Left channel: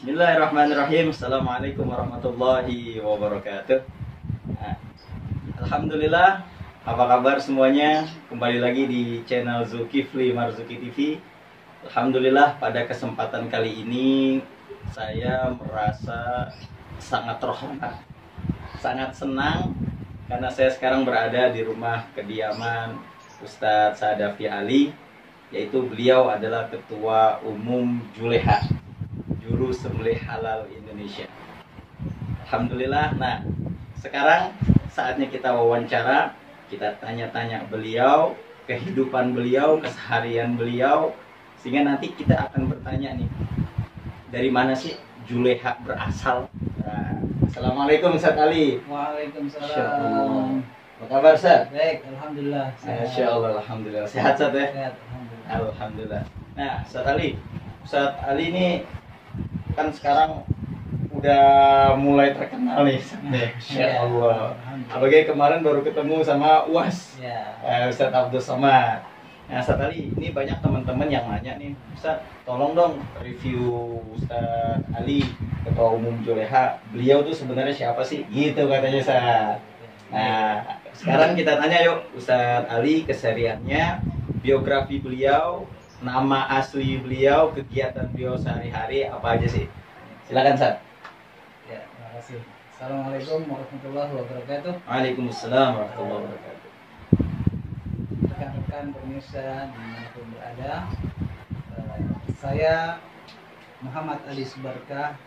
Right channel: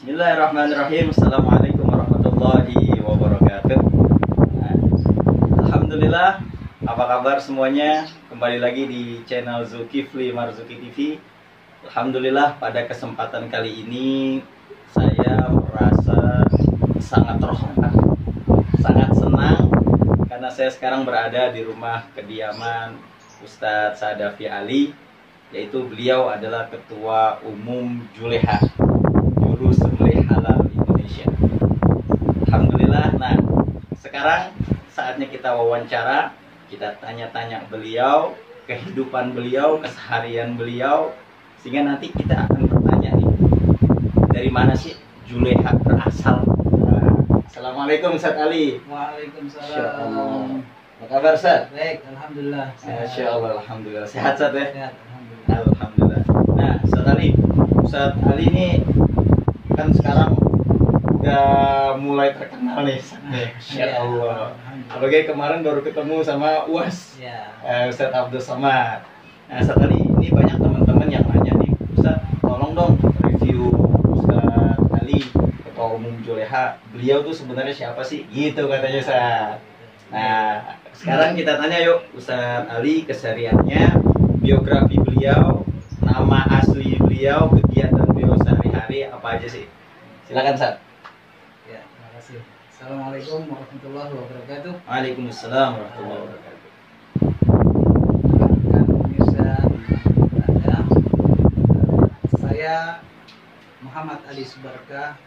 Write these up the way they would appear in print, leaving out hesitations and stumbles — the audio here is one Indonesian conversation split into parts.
Bismillahirrahmanirrahim. Assalamualaikum warahmatullahi wabarakatuh. Nah, Alhamdulillah, apa kabar semuanya? Kembali lagi di channel Zulkifli Marzuki TV. Alhamdulillah, pada kesempatan kali ini saya merasa sangat terhormat, sangat senang karena saya sekarang berada di rumah kediaman Ustadz Sadafi Ali, yaitu beliau adalah Ketua Umum Juleha, Juru Sembelih Halal Indonesia. Alhamdulillah. Nah, sekarang saatnya kita wawancara, kita tanya-tanya beliau, kehidupan beliau, keseharian beliau, sehingga nanti kita akan bertanya nih, dari mana sih Juleha berasal? Nah, Assalamualaikum Ustadz Ali. Waalaikumsalam. Apa kabar Ustadz? Baik, alhamdulillah. Masya Allah, alhamdulillah. Sehat Ustadz ya? Sehat, alhamdulillah. Alhamdulillah. Nah, Ustadz Ali ini kan sekarang udah mulai terkenal nih. Masya Allah. Apalagi kemarin baru ketemu sama UAS, Ya. Ustadz Abdul Somad. Nah, Ustadz Ali, ini banyak teman-teman yang nanya nih, Ustadz, tolong dong review Ustadz Ali, Ketua Umum Juleha. Beliau tuh sebenarnya siapa sih? Gitu katanya Ustadz. Nah, sekarang kita tanya yuk, Ustadz Ali, kesehariannya, biografi beliau, nama asli beliau, kegiatan beliau sehari-hari apa aja sih? Silakan Ustadz. Ya, terima kasih. Assalamualaikum warahmatullahi wabarakatuh. Waalaikumsalam warahmatullahi wabarakatuh. Rekan-rekan pemirsa di berada, saya Muhammad Ali Subarkah,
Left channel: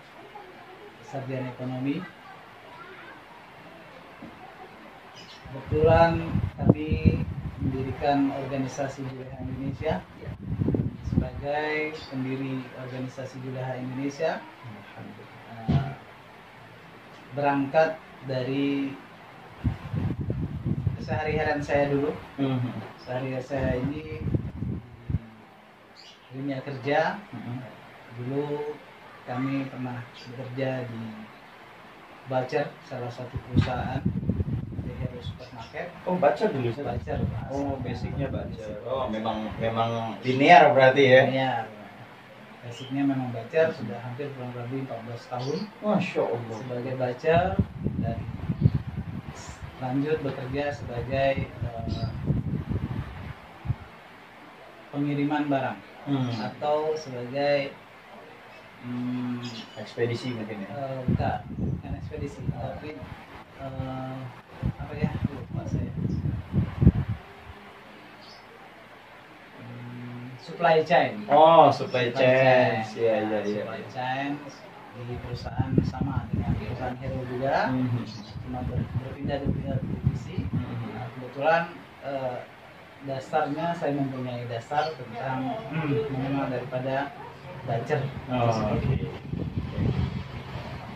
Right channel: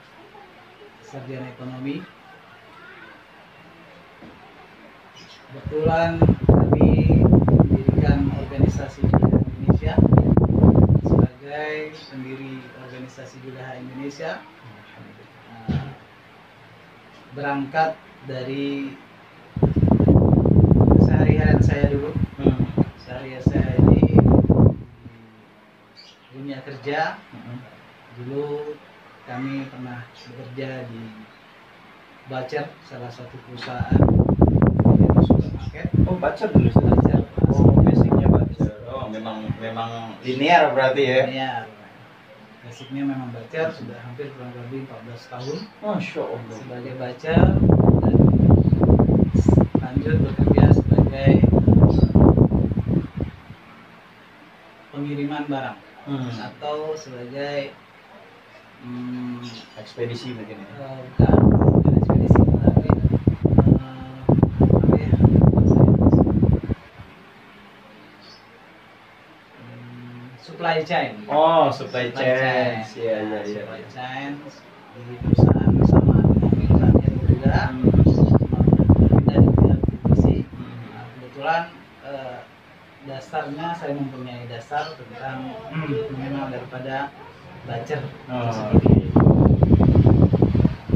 sarjana ekonomi. Kebetulan kami mendirikan organisasi Juleha Indonesia sebagai pendiri organisasi Juleha Indonesia. Berangkat dari keseharian saya dulu. Sehari-hari saya ini dunia kerja. Dulu kami pernah bekerja di Bacer, salah satu perusahaan supermarket. Oh, baca dulu Ustadz. Bacer. Oh, basicnya baca. Oh, memang linear berarti ya? Ya, basicnya memang bacer, sudah hampir kurang lebih 14 tahun Masya Allah. sebagai bacer, dan lanjut bekerja sebagai pengiriman barang atau sebagai Ekspedisi mungkin ya? bukan ekspedisi, tapi apa ya bahasanya? Supply chain. Oh, supply chain. Iya, iya, iya. Supply chain di perusahaan sama dengan perusahaan Hero juga, cuma berbeda di bidang divisi. Nah, kebetulan dasarnya saya mempunyai dasar tentang mengenal daripada bacer. Oh, Seperti itu.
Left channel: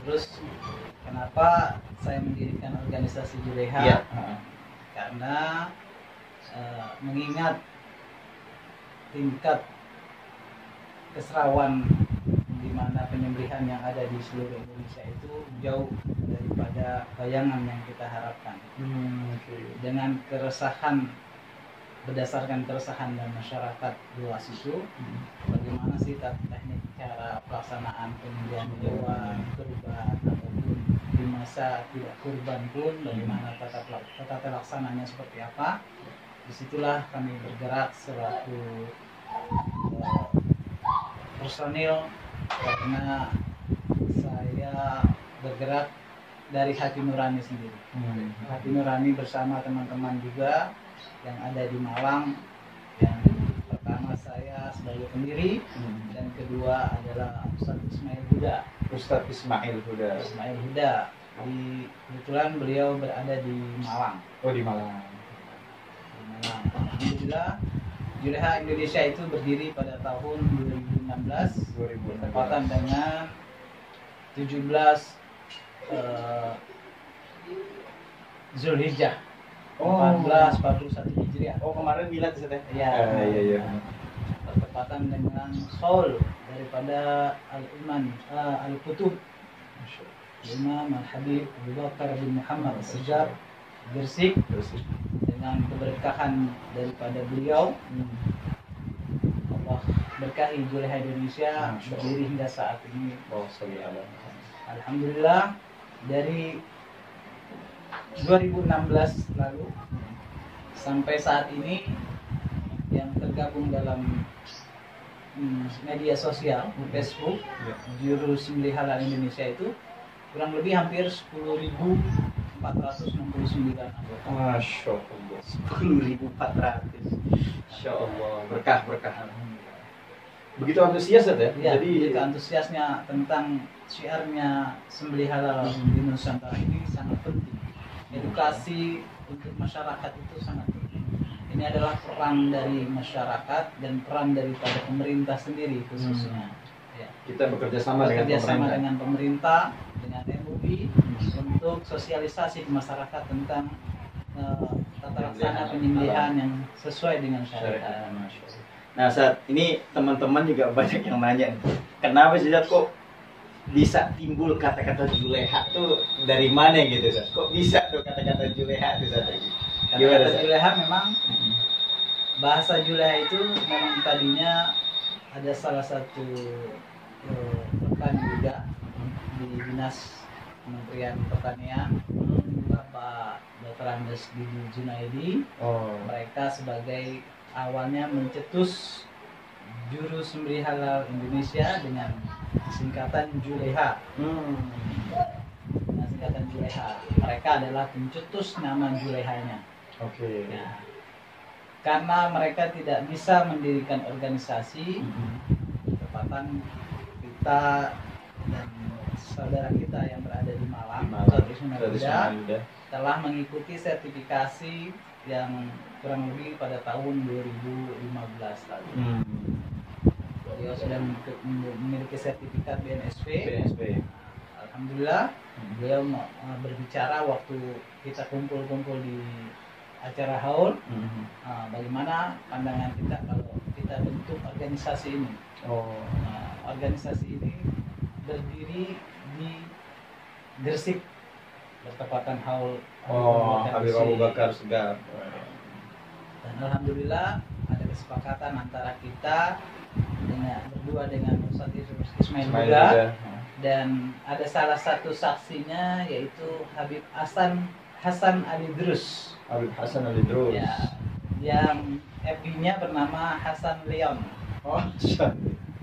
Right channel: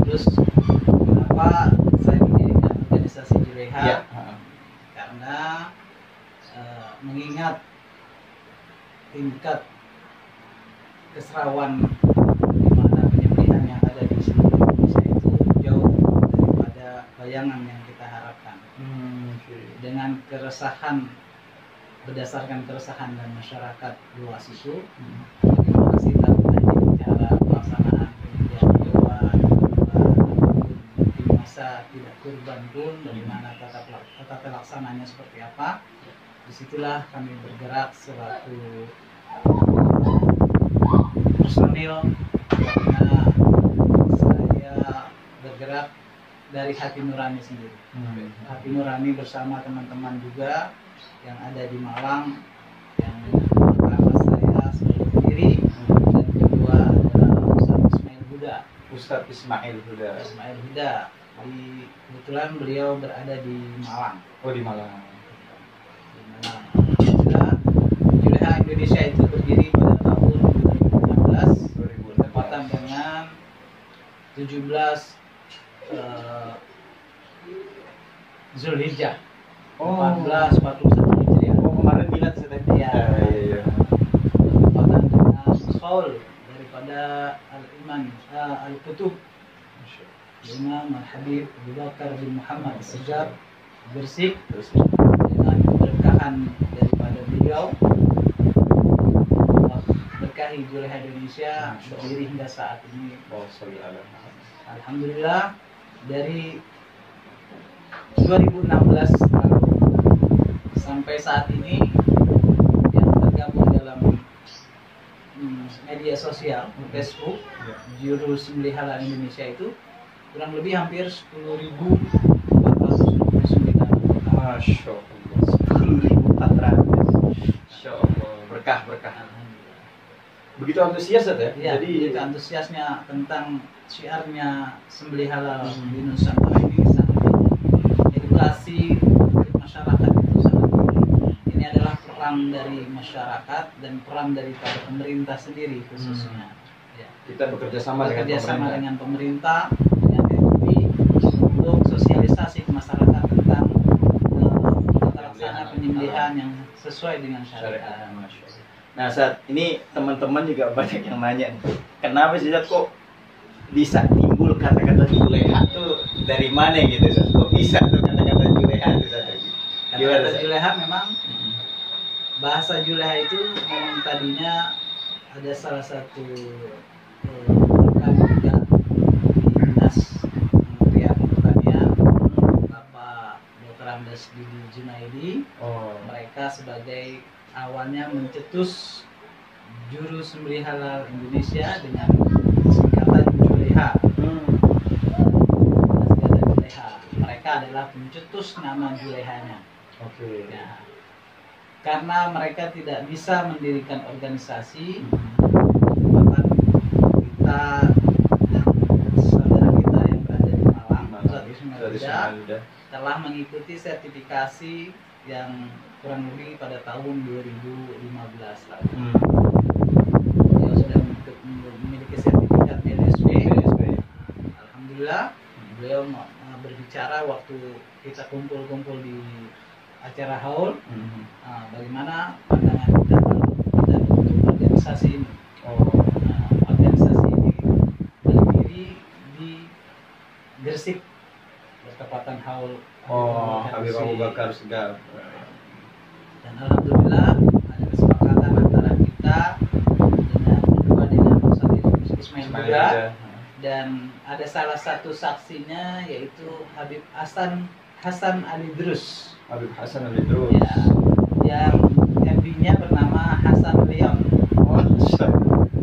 Terus kenapa saya mendirikan organisasi Juleha? Iya. Karena mengingat tingkat keserawan di mana penyembelihan yang ada di seluruh Indonesia itu jauh daripada bayangan yang kita harapkan. Dengan keresahan, berdasarkan keresahan dan masyarakat luas itu, bagaimana sih cara pelaksanaan penyembelihan hewan ataupun di masa tidak kurban pun, bagaimana tata pelaksananya seperti apa? Disitulah kami bergerak selaku personil, karena saya bergerak dari hati nurani sendiri. Hati nurani bersama teman-teman juga yang ada di Malang, yang pertama saya sebagai pendiri, dan kedua adalah Ustadz Ismail Huda. Ustadz Ismail Huda. Ismail Huda. Kebetulan beliau berada di Malang. Oh, di Malang. Juleha Indonesia itu berdiri pada tahun 2016, 2016. bertepatan dengan 17 Zulhijjah 1441 Hijriah. Oh, kemarin bilang Ustadz. Ya, Iya. bertepatan dengan Khaul daripada Al-Iman Al-Kutub, Imam Al-Habib Abu Bakar bin Muhammad Sejar bersih, dengan keberkahan daripada beliau, Allah memberkahi Juleha Indonesia berdiri hingga saat ini. Oh, Alhamdulillah dari 2016 lalu sampai saat ini yang tergabung dalam media sosial Facebook Jurus Sembelih Halal Indonesia itu kurang lebih hampir 10.469. Masya Allah, 10.400. Masya Allah, berkah. Begitu antusias ya? Ya, jadi antusiasnya tentang syiarnya sembelih halal di Nusantara ini sangat banyak. Edukasi untuk masyarakat itu sangat penting. Ini adalah peran dari masyarakat dan peran daripada pemerintah sendiri khususnya. Ya. Kita bekerja sama dengan pemerintah, dengan MUI untuk sosialisasi ke masyarakat tentang tata laksana penyembelihan yang sesuai dengan syariat. Nah, saat ini teman-teman juga banyak yang nanya nih, kenapa sih kok bisa timbul kata-kata Juleha tuh dari mana gitu, Zat? Kok bisa tuh kata-kata Juleha itu, Zat? Kata-kata Juleha memang bahasa Juleha itu memang tadinya ada salah satu rekan juga di Dinas Kementerian Pertanian, Bapak Dr. Andes Didi Junaidi. Mereka sebagai awalnya mencetus Jurus Sembelih Halal Indonesia dengan singkatan Juleha. Singkatan Juleha. Mereka adalah pencetus nama Julehanya. Oke. Nah, karena mereka tidak bisa mendirikan organisasi, bahkan kita dan saudara kita yang berada di Malang, telah mengikuti sertifikasi yang kurang lebih pada tahun 2015 lalu. Beliau sudah memiliki sertifikat BNSP. Alhamdulillah, beliau berbicara waktu kita kumpul-kumpul di acara haul, bagaimana pandangan kita kalau kita bentuk organisasi ini. Organisasi ini berdiri di Gresik, bertepatan haul Habib Abu Bakar Segaf. Dan alhamdulillah ada kesepakatan antara kita dengan Ustaz Ismail juga, dan ada salah satu saksinya yaitu Habib Hasan Ali Drus. Habib Hasan Ali Drus. Ya, yang FB-nya bernama Hasan Leon.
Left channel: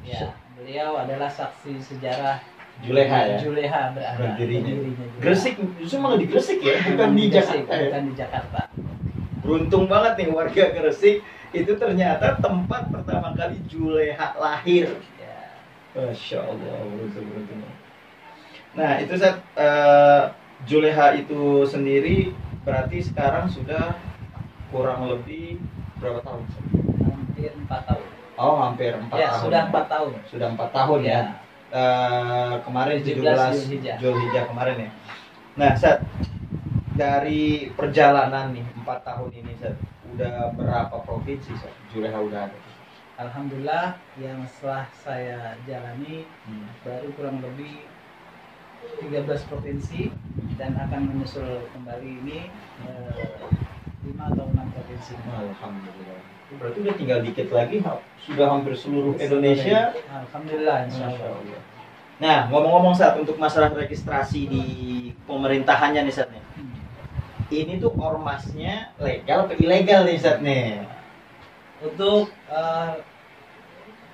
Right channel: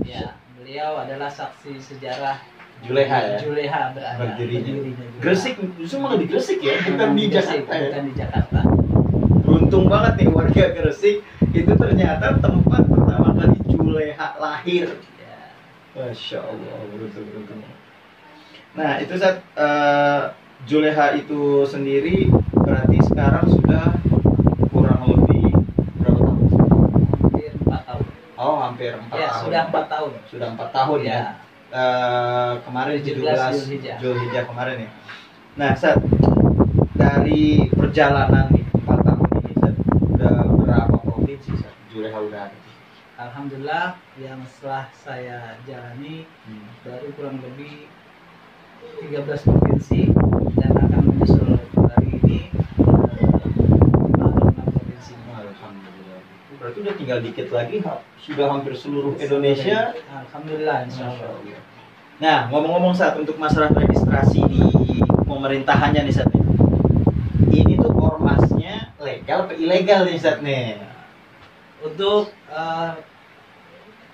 Ya, beliau adalah saksi sejarah Juleha ya? Juleha berdirinya. Gresik, justru malah di Gresik ya? Bukan di Jakarta ya? Bukan di Jakarta. Beruntung banget nih warga Gresik, itu ternyata tempat pertama kali Juleha lahir. Ya. Masya Allah, beruntung. Nah, itu saat Juleha itu sendiri berarti sekarang sudah kurang lebih berapa tahun? Hampir 4 tahun. Oh, hampir 4 ya, tahun. Sudah 4 tahun. Sudah 4 tahun ya. Kemarin 17 Zulhijjah kemarin ya. Nah, Sat, dari perjalanan nih 4 tahun ini, Sat, udah berapa provinsi Sat Juleha udah ada? Alhamdulillah, yang setelah saya jalani baru kurang lebih 13 provinsi dan akan menyusul hari ini 5 atau 6 provinsi. Alhamdulillah. Berarti udah tinggal dikit lagi, sudah hampir seluruh Indonesia. Alhamdulillah, insya Allah. Nah, ngomong-ngomong Sat, untuk masalah registrasi di pemerintahannya nih Sat, ini tuh ormasnya legal atau ilegal nih Sat nih? Untuk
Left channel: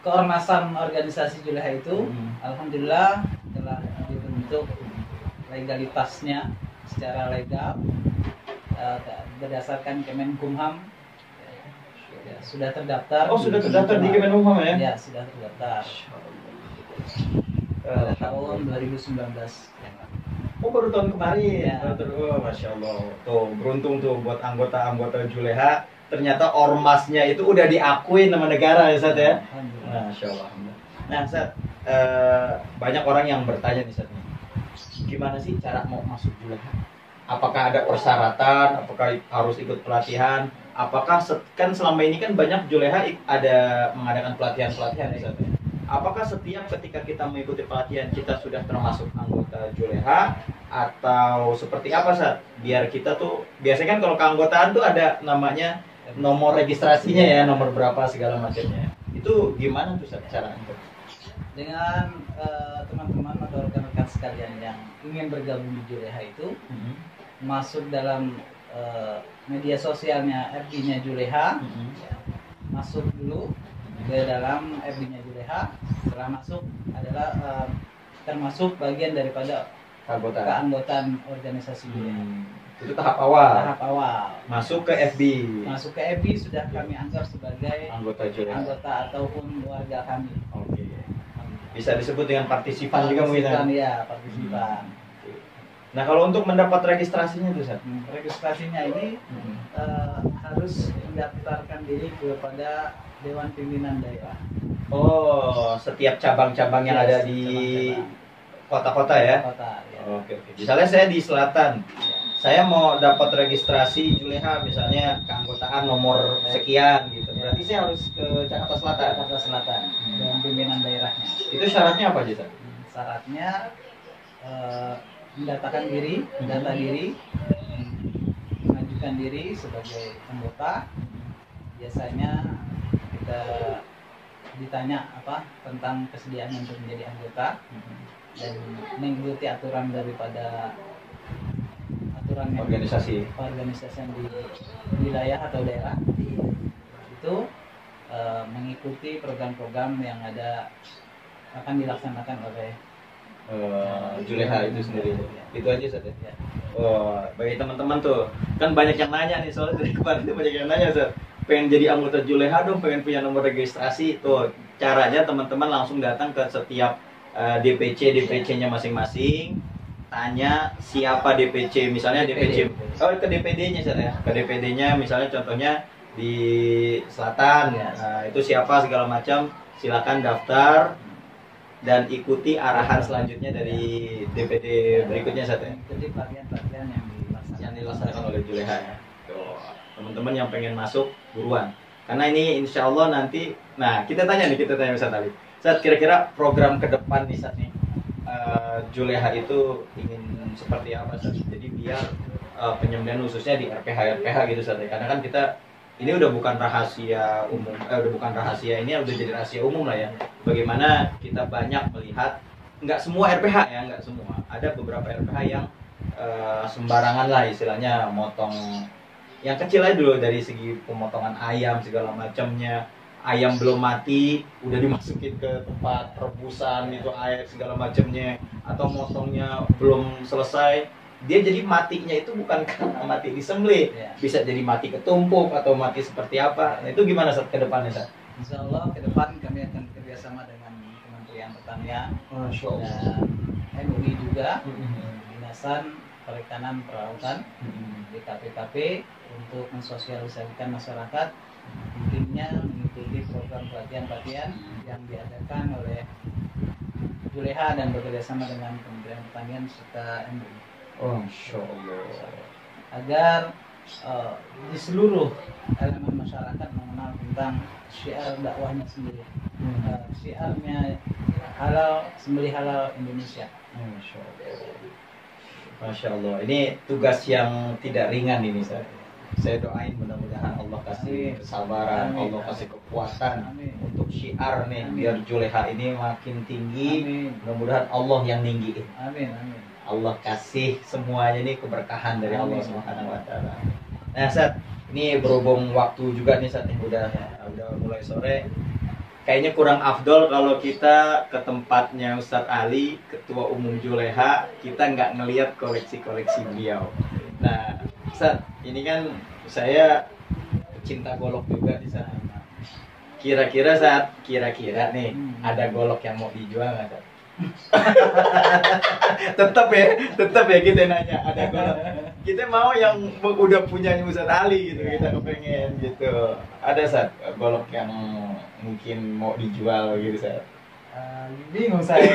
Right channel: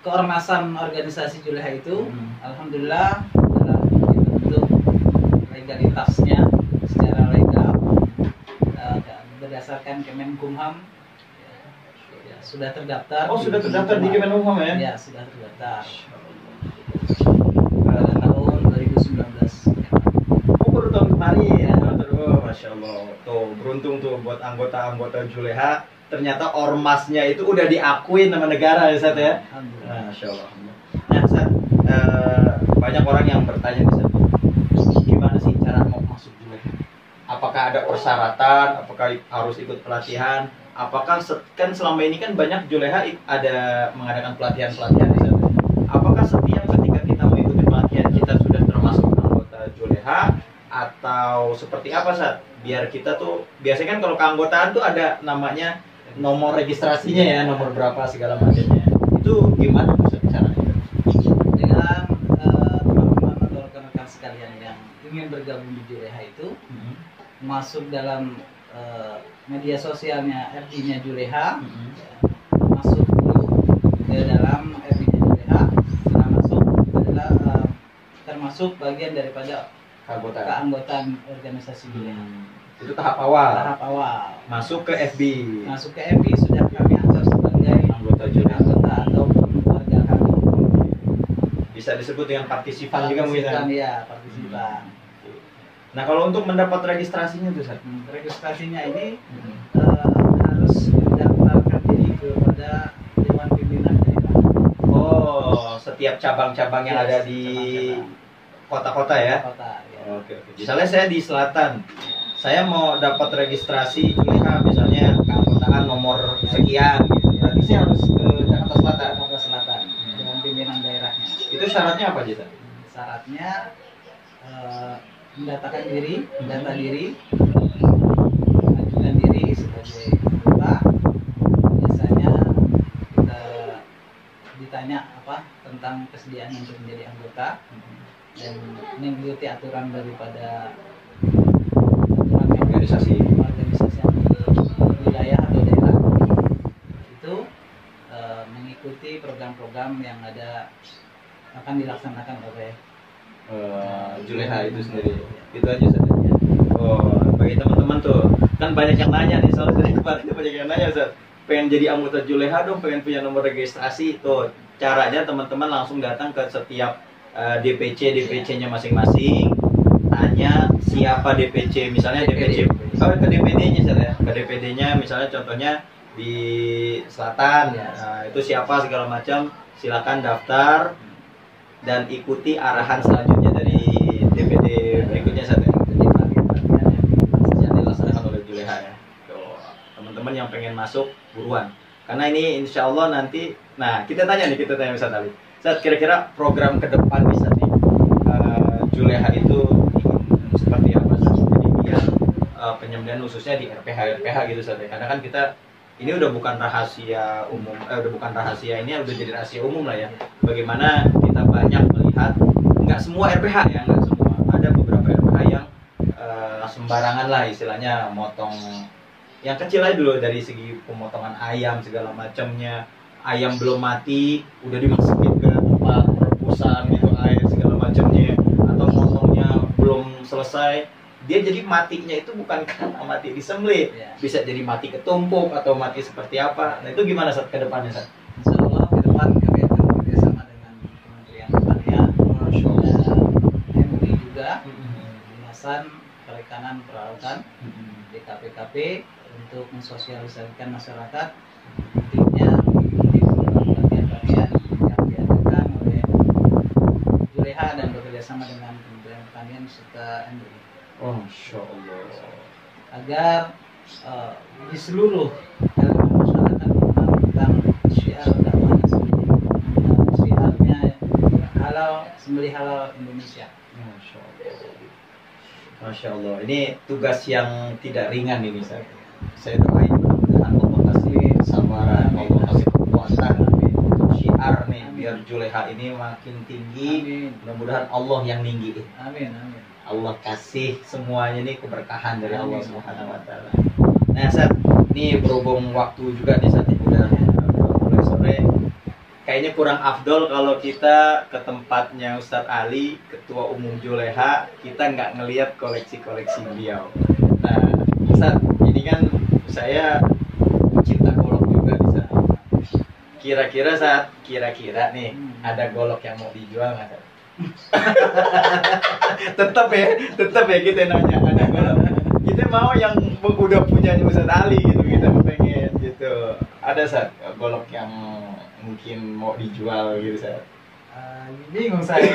keormasan organisasi Juleha itu, alhamdulillah telah dibentuk legalitasnya secara legal berdasarkan Kemenkumham. Sudah terdaftar. Oh, sudah terdaftar di Kemenkumham ya? Ya, sudah terdaftar. Pada tahun 2019. Oh, baru tahun kemarin ya. Ya. Masya Allah. Tuh, beruntung tuh buat anggota-anggota Juleha. Ternyata ormasnya itu udah diakui nama negara ya Sat ya. Masya Allah. Nah Sat, banyak orang yang bertanya nih Sat, gimana sih cara mau masuk Juleha? Apakah ada persyaratan? Apakah harus ikut pelatihan? Apakah kan selama ini kan banyak Juleha ada mengadakan pelatihan-pelatihan nih Sat. Apakah setiap ketika kita mengikuti pelatihan kita sudah termasuk anggota Juleha atau seperti apa Sat? Biar kita tuh biasanya kan kalau keanggotaan tuh ada namanya nomor registrasinya ya, nomor berapa segala macamnya. Itu gimana tuh Sat? caranya? Dengan teman-teman atau rekan-rekan sekalian yang ingin bergabung di Juleha itu masuk dalam media sosialnya FB-nya Juleha, masuk dulu ke dalam FB-nya Juleha. Setelah masuk adalah termasuk bagian daripada keanggotaan organisasi Juleha. Itu tahap awal. Tahap awal. Masuk ke FB. Masuk ke FB sudah kami anggap sebagai Anggota Juleha. Anggota ataupun warga kami. Bisa disebut dengan partisipan juga mungkin. Partisipan, ya, partisipan. Nah, kalau untuk mendapat registrasinya tuh, Sat? Registrasinya ini harus mendaftarkan diri kepada Dewan Pimpinan Daerah. Oh, setiap cabang-cabang yang ada di kota-kota ya? Kota, ya. Oke. Misalnya saya di selatan, saya mau dapat registrasi Juleha, misalnya keanggotaan nomor sekian gitu. Berarti saya harus ke Jakarta Selatan. Jakarta Selatan, Dewan Pimpinan Daerahnya. Itu syaratnya apa aja, Sat? Syaratnya mendatakan diri, data diri, mengajukan diri sebagai anggota. Biasanya kita ditanya apa tentang kesediaan untuk menjadi anggota dan mengikuti aturan daripada aturan organisasi yang di wilayah atau daerah itu, mengikuti program-program yang akan dilaksanakan oleh Juleha itu sendiri. Itu aja saja. Oh, bagi teman-teman tuh kan banyak yang nanya nih, soal dari kemarin itu banyak yang nanya, Sat. Pengen jadi anggota Juleha dong, pengen punya nomor registrasi. Tuh caranya teman-teman langsung datang ke setiap DPC-nya masing-masing, tanya siapa DPC, misalnya DPC ke DPD-nya, Sat, ya. Ke DPD-nya misalnya contohnya di Selatan, itu siapa segala macam, silakan daftar dan ikuti arahan selanjutnya dari DPD berikutnya, Sat, ya. Jadi bagian-bagian Yang dilaksanakan oleh Juleha ya. Tuh, teman-teman yang pengen masuk buruan. Karena ini insya Allah nanti, nah kita tanya Ustaz Ali. Ustaz, kira-kira program ke depan nih, Ustaz, nih, Juleha itu ingin seperti apa, Ustaz? Jadi biar penyembelihan khususnya di RPH gitu, Ustaz, ya. Karena kan kita ini udah bukan rahasia umum, ini udah jadi rahasia umum lah ya. Bagaimana kita banyak melihat, nggak semua RPH ya, nggak semua. Ada beberapa RPH yang sembarangan lah istilahnya, motong yang kecil aja dulu, dari segi pemotongan ayam segala macamnya. Ayam belum mati udah dimasukin ke tempat perebusan gitu, air segala macamnya, atau motongnya belum selesai, dia jadi matinya itu bukan karena mati disembelih, bisa jadi mati ketumpuk atau mati seperti apa. Nah itu gimana, Sat, ke depannya, Sat? Insya Allah ke depan kami akan bekerjasama dengan Kementerian Pertanian, MUI juga, Dinasan Perikanan Peralatan, DKPKP, untuk mensosialisasikan masyarakat pentingnya mengikuti program pelatihan-pelatihan yang diadakan oleh Juleha dan bekerjasama dengan Kementerian Pertanian serta MUI. Oh, Masya Allah. Agar di seluruh elemen masyarakat mengenal tentang syiar dakwahnya sendiri, syiarnya halal, sembelih halal Indonesia. Masya Allah. Masya Allah. Ini tugas yang tidak ringan ini, saya doain mudah-mudahan Allah kasih kesabaran, Allah kasih kekuatan untuk syiar nih, biar Juleha ini makin tinggi. Mudah-mudahan Allah yang ninggiin. Amin, amin. Allah kasih semuanya nih keberkahan dari Allah Subhanahu wa taala. Nah, Sat, ini berhubung waktu juga nih, Sat, udah mulai sore. Kayaknya kurang afdol kalau kita ke tempatnya Ustadz Ali, Ketua Umum Juleha, kita nggak ngelihat koleksi-koleksi beliau. Nah, Ustadz, ini kan saya cinta golok juga di sana. Kira-kira nih ada golok yang mau dijual nggak, Sat? tetap ya kita nanya, ada golok. Kita mau yang udah punya Ustadz Ali gitu, kita pengen gitu. Ada, Sat, golok yang mungkin mau dijual gitu, Sat? Bingung saya.